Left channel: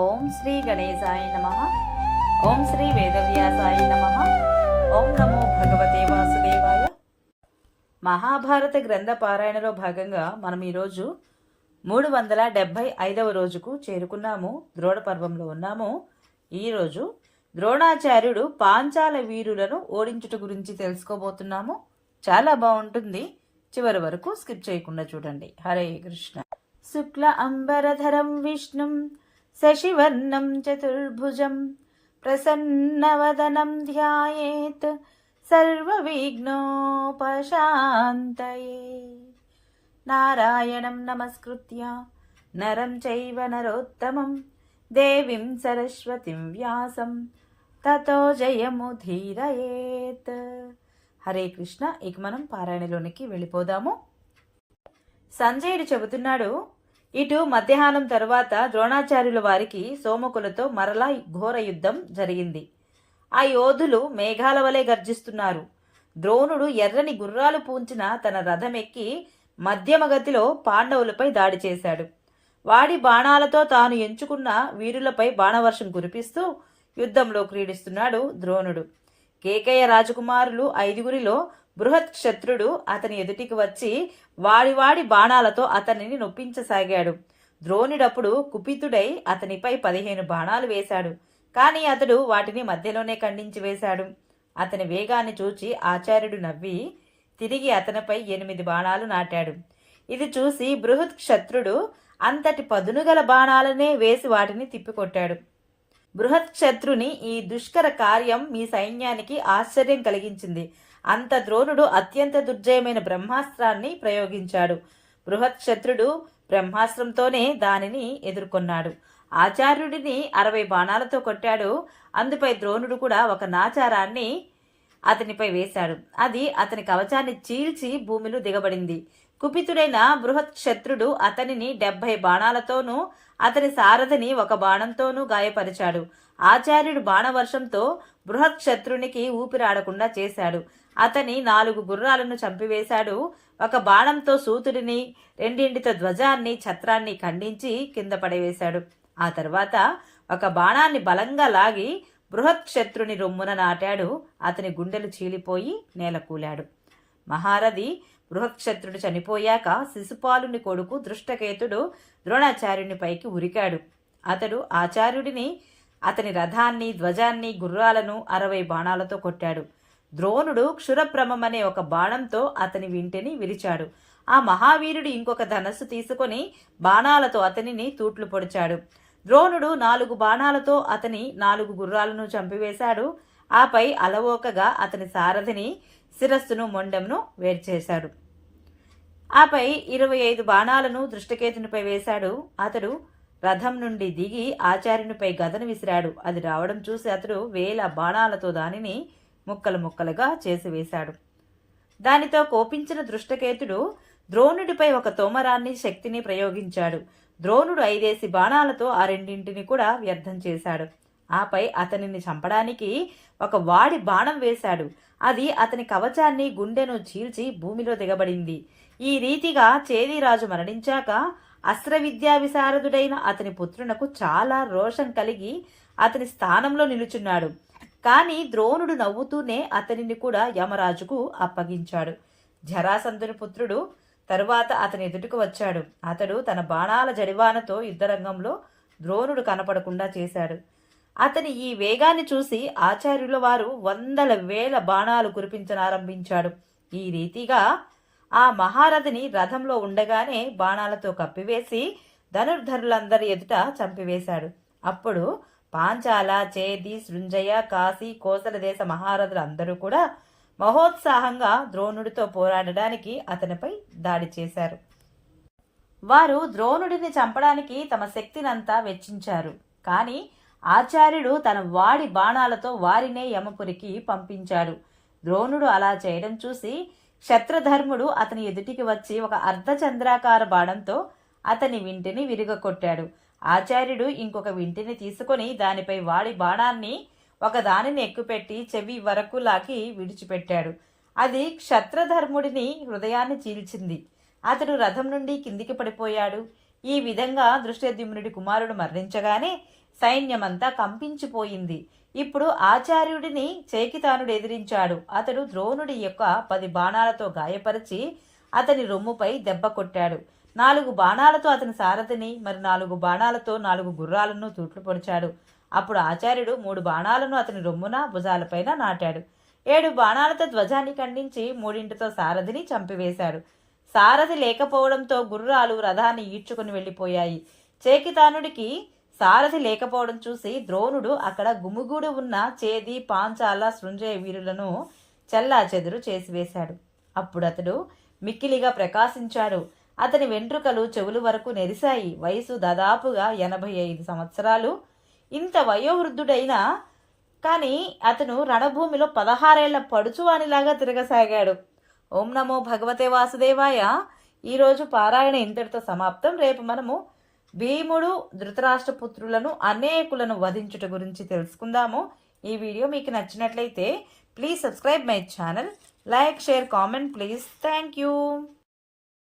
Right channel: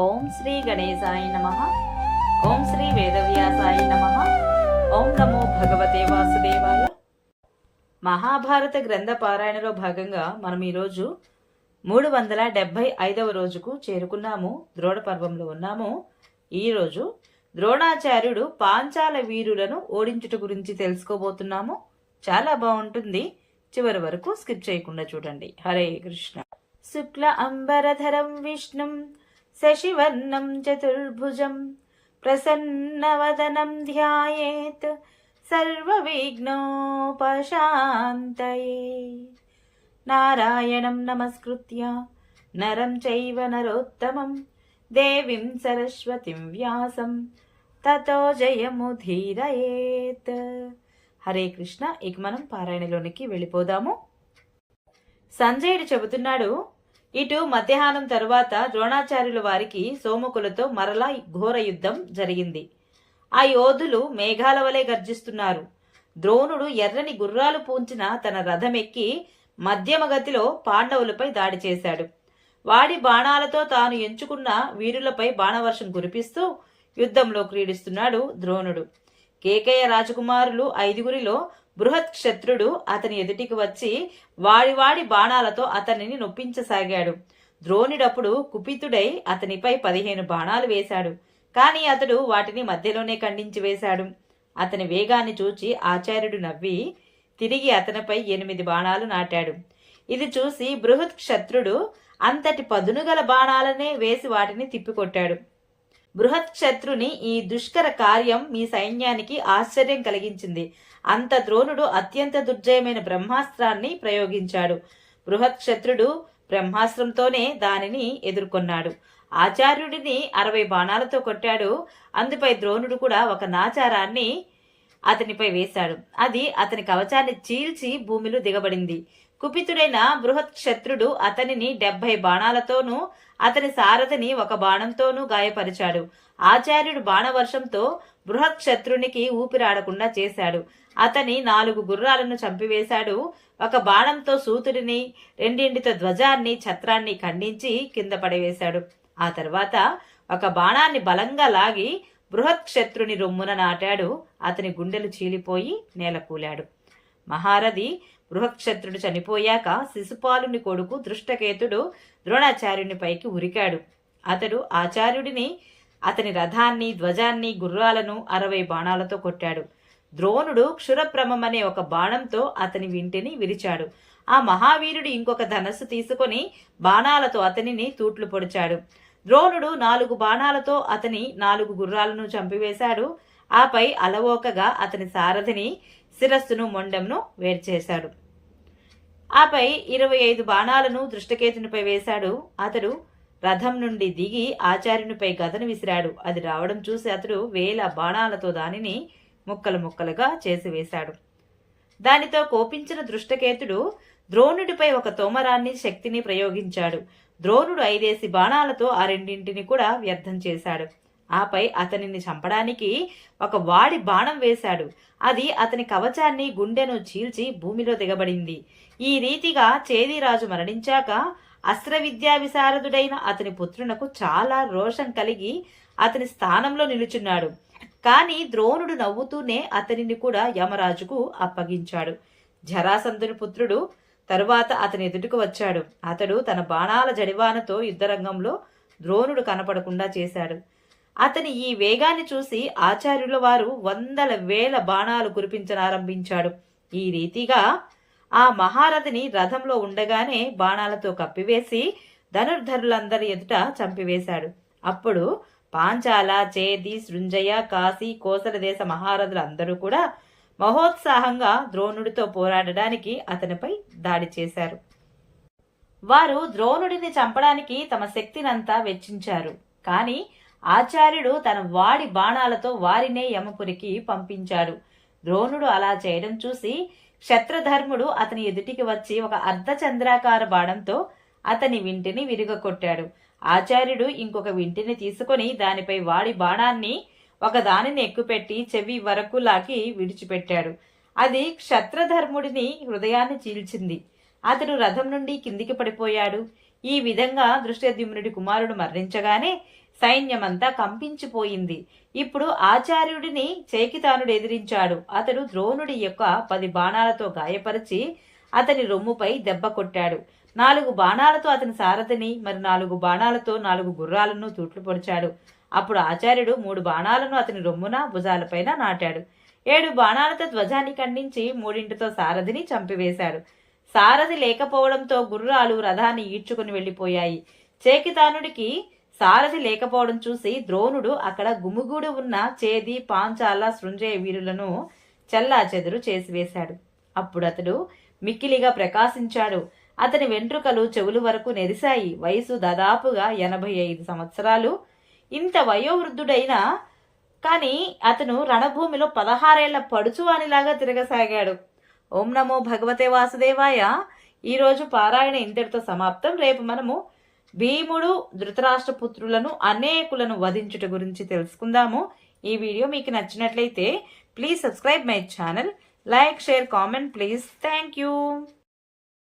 ఓం శ్రీ గణేశాయ నమః. ఓం శ్రీ వేదవ్యాసాయ నమః. ఓం నమో భగవతే వాసుదేవాయ. మహాభారత గ్రంథ పారాయణలో భాగంగా మనం ఈరోజు 375వ రోజుకు చేరుకున్నాము. ద్రోణ పర్వంలో ఉన్నాము. ఈరోజు ద్రోణాచార్యుడు పాంచాల వీరులను ఓడించుట గురించి తెలుసుకోబోతున్నాము. చాలా బాగుంటుంది, చివరి వరకు స్కిప్ చేయకుండా చూడండి. హరే కృష్ణ. శుక్ల అంబరధరం విష్ణుం శశివర్ణం చతుర్భుజం ప్రసన్నవదనం ధ్యాయేత్ సర్వవిఘ్నోపశాంతయే. నారాయణం నమస్కృత్య నరం చైవ నరోత్తమం దేవీం సరస్వతిం వ్యాసం తతో జయముధీరయేత్. హరే కృష్ణ. ఇక మనం పారాయణలోనికి వెళ్ళిపోదాము. సంజయుడు చెబుతున్నాడు, ఇటు మధ్యాహ్నం తరువాత ద్రోణాచార్యుల వారికి సోమకులతో మరలా ఘోర యుద్ధం జరిగింది. ఆ యోధులు మేఘాల వలె గర్జిస్తున్నారు. ద్రోణుడు ఎర్రని గుర్రాలు పూంచిన తన రథమెక్కి మధ్యమ గతిలో పాండవులపై దాడి చేశాడు. వాడి బాణాలతో తాను ఎంచుకున్న వీరులపై బాణవర్షం కురిపిస్తూ యుద్ధంలో క్రీడిస్తున్నాడు ద్రోణుడు. కేకయ రాజకుమారులు 5గురిలో బృహత్ క్షత్రుడు అతని ఎదుటికి వచ్చి వాడి బాణాలతో అతనిని నొప్పించసాగాడు. ద్రోణుడప్పుడు కుపితుడై అతనిపై 15 బాణాలు వేశాడు. కాని అతడు వాటిని మధ్యలోనే ఖండించి వేశాడు. అతని వేగాన్ని చూచి ఆచార్యుడు నవ్వి తిరిగి అతనిపై 8 బాణాలు నాటాడు. ఇది చూసి బృహత్ క్షత్రుడు అంతటి పదునుగల బాణాలనే వేసి వాటిని తిప్పికొట్టాడు. బృహత్ క్షత్రుని ఈ దుష్కర కార్యం మీ సైన్యానికి ఆశ్చర్యం కలిగించింది. అంత ద్రోణుడు అత్యంత దుర్జయమైన బ్రహ్మాస్త్రాన్ని ప్రయోగించాడు. బృహత్ క్షత్రుడు బ్రహ్మాస్త్రంతోనే దానిని ఎదుర్కొన్నాడు. ఆచార్యుడిని 60 బాణాలతో కొట్టాడు. అందుపై ద్రోణుడు కూడా ఒక నాచారాన్ని అతనిపై వేశాడు. అది అతని కవచాన్ని చీల్చి భూమిలో దిగబడింది. కుపితుడైన బృహత్ క్షత్రుడు అతనిని 70 బాణాలతోనూ అతని సారథిని 1 బాణంతోనూ గాయపరిచాడు. ఆచార్యుడు బాణవర్షంతో బృహత్ క్షత్రునికి ఊపిరాడకుండా చేశాడు. అతని 4 గుర్రాలను చంపివేశాడు. 1 బాణంతో సూతుడిని, 2 ధ్వజాన్ని, ఛత్రాన్ని ఖండించి కింద పడవేశాడు. ఆ తర్వాత 1 బాణాన్ని బలంగా లాగి బృహత్ క్షత్రుని రొమ్మున నాటాడు. అతని గుండెలు చీలిపోయి నేలకూలాడు. మహారథి బృహత్క్షత్రుడు చనిపోయాక శిశుపాలుని కొడుకు దృష్టకేతుడు ద్రోణాచార్యుని పైకి ఉరికాడు. అతడు ఆచార్యుడిని, అతని రథాన్ని, ధ్వజాన్ని, గుర్రాలను 60 బాణాలతో కొట్టాడు. ద్రోణుడు క్షురప్రమమనే 1 బాణంతో అతని వింటిని విరిచాడు. ఆ మహావీరుడు ఇంకొక ధనస్సు తీసుకొని బాణాలతో అతనిని తూట్లు పొడిచాడు. ద్రోణుడు 4 బాణాలతో అతని 4 గుర్రాలను చంపివేశాడు. ఆపై అలవోకగా అతని సారథిని శిరస్సును, మొండెంను వేర్చేశాడు. ఆపై 25 బాణాలను దృష్టకేతునిపై వేశాడు. అతడు రథం నుండి దిగి ఆచార్యునిపై గదను విసిరాడు. అది రావడం చూసి అతడు 1000 బాణాలతో దానిని ముక్కలు ముక్కలుగా చేసివేశాడు. దానితో కోపించిన దృష్టకేతుడు ద్రోణుడిపై 1 తోమరాన్ని శక్తిని ప్రయోగించాడు. ద్రోణుడు 5 బాణాలతో ఆ 2 కూడా వ్యర్థం చేశాడు. ఆపై అతనిని చంపడానికి 1 వాడి బాణం వేశాడు. అది అతని కవచాన్ని, గుండెను చీల్చి భూమిలో దిగబడింది. ఈ రీతిగా చేదిరాజు మరణించాక అస్త్ర విద్యా విశారదుడైన అతని పుత్రునకు చాలా రోషం కలిగి అతని స్థానంలో నిలుచున్నాడు. కాని ద్రోణుడు నవ్వుతూనే అతనిని కూడా యమరాజుకు అప్పగించాడు. జరాసంధుని పుత్రుడు తరువాత అతని ఎదుటికి వచ్చాడు. అతడు తన బాణాల జడివానతో యుద్ధరంగంలో ద్రోణుడు కనపడకుండా చేశాడు. అతని ఈ వేగాన్ని చూసి ఆచార్యుల వారు 100,000 బాణాలు కురిపించనారంభించాడు. ఈ రీతిగా ఆ మహారథిని రథంలో ఉండగానే బాణాలతో కప్పివేసి ధనుర్ధరులందరి ఎదుట చంపివేశాడు. అప్పుడు పాంచాల, చేది, సృంజయ, కాశీ, కోసల దేశ మహారథులందరూ కూడా మహోత్సాహంగా ద్రోణుడితో పోరాడడానికి అతనిపై దాడి చేశారు. వారు ద్రోణుడిని చంపడానికి తమ శక్తినంతా వెచ్చించారు. కాని ఆచార్యుడు తన వాడి బాణాలతో వారినే యమపురికి పంపించాడు. ద్రోణుడు అలా చేయడం చూసి క్షత్రధర్ముడు అతని ఎదుటికి వచ్చి 1 అర్ధచంద్రాకార బాణంతో అతని వింటిని విరుగకొట్టాడు. ఆచార్యుడు ఇంకొక వింటిని తీసుకొని దానిపై వాడి బాణాన్ని ఒకదానిని ఎక్కుపెట్టి చెవి వరకు లాగి విడిచిపెట్టాడు. అది క్షత్రధర్ముడిని హృదయాన్ని చీల్చింది. అతడు రథం నుండి కిందికి పడిపోయాడు. ఈ విధంగా దృష్టద్యుమ్నుడి కుమారుడు మరణించగానే సైన్యమంతా కంపించిపోయింది. ఇప్పుడు ఆచార్యుడిని చేకితానుడు ఎదిరించాడు. అతడు ద్రోణుడి యొక్క 10 బాణాలతో గాయపరిచి అతని రొమ్ముపై దెబ్బ కొట్టాడు. 4 బాణాలతో అతని సారథిని, మరి 4 బాణాలతో 4 గుర్రాలను తూట్లు పొడిచాడు. అప్పుడు ఆచార్యుడు 3 బాణాలను అతని రొమ్మున భుజాలపైన నాటాడు. 7 బాణాలతో ధ్వజాన్ని ఖండించి 3తో సారథిని చంపివేశాడు. సారథి లేకపోవడంతో గుర్రాలు రథాన్ని ఈడ్చుకుని వెళ్లిపోయాయి. చేకితానుడికి సారథి లేకపోవడం చూసి ద్రోణుడు అక్కడ గుమిగూడి ఉన్న చేది, పాంచాల, సృంజయ వీరులను చెల్లాచెదురు చేసివేశాడు. అప్పుడు అతడు మిక్కిలిగా ప్రకాశించాడు. అతని వెంట్రుకలు చెవులు వరకు నెరిశాయి. వయసు దాదాపుగా 85 సంవత్సరాలు. ఇంత వయోవృద్ధుడైనా కాని అతను రణభూమిలో 16 ఏళ్ల పడుచువానిలాగా తిరగసాగాడు. ఓం నమో భగవతే వాసుదేవాయ. ఈరోజు పారాయణ ఇంతటితో సమాప్తం. రేపు మనము భీముడు ధృతరాష్ట్రపుత్రులను అనేకులను వధించుట గురించి తెలుసుకుందాము. ఈ వీడియో మీకు నచ్చినట్లయితే please subscribe my channel, like, share, comment please. Thank you.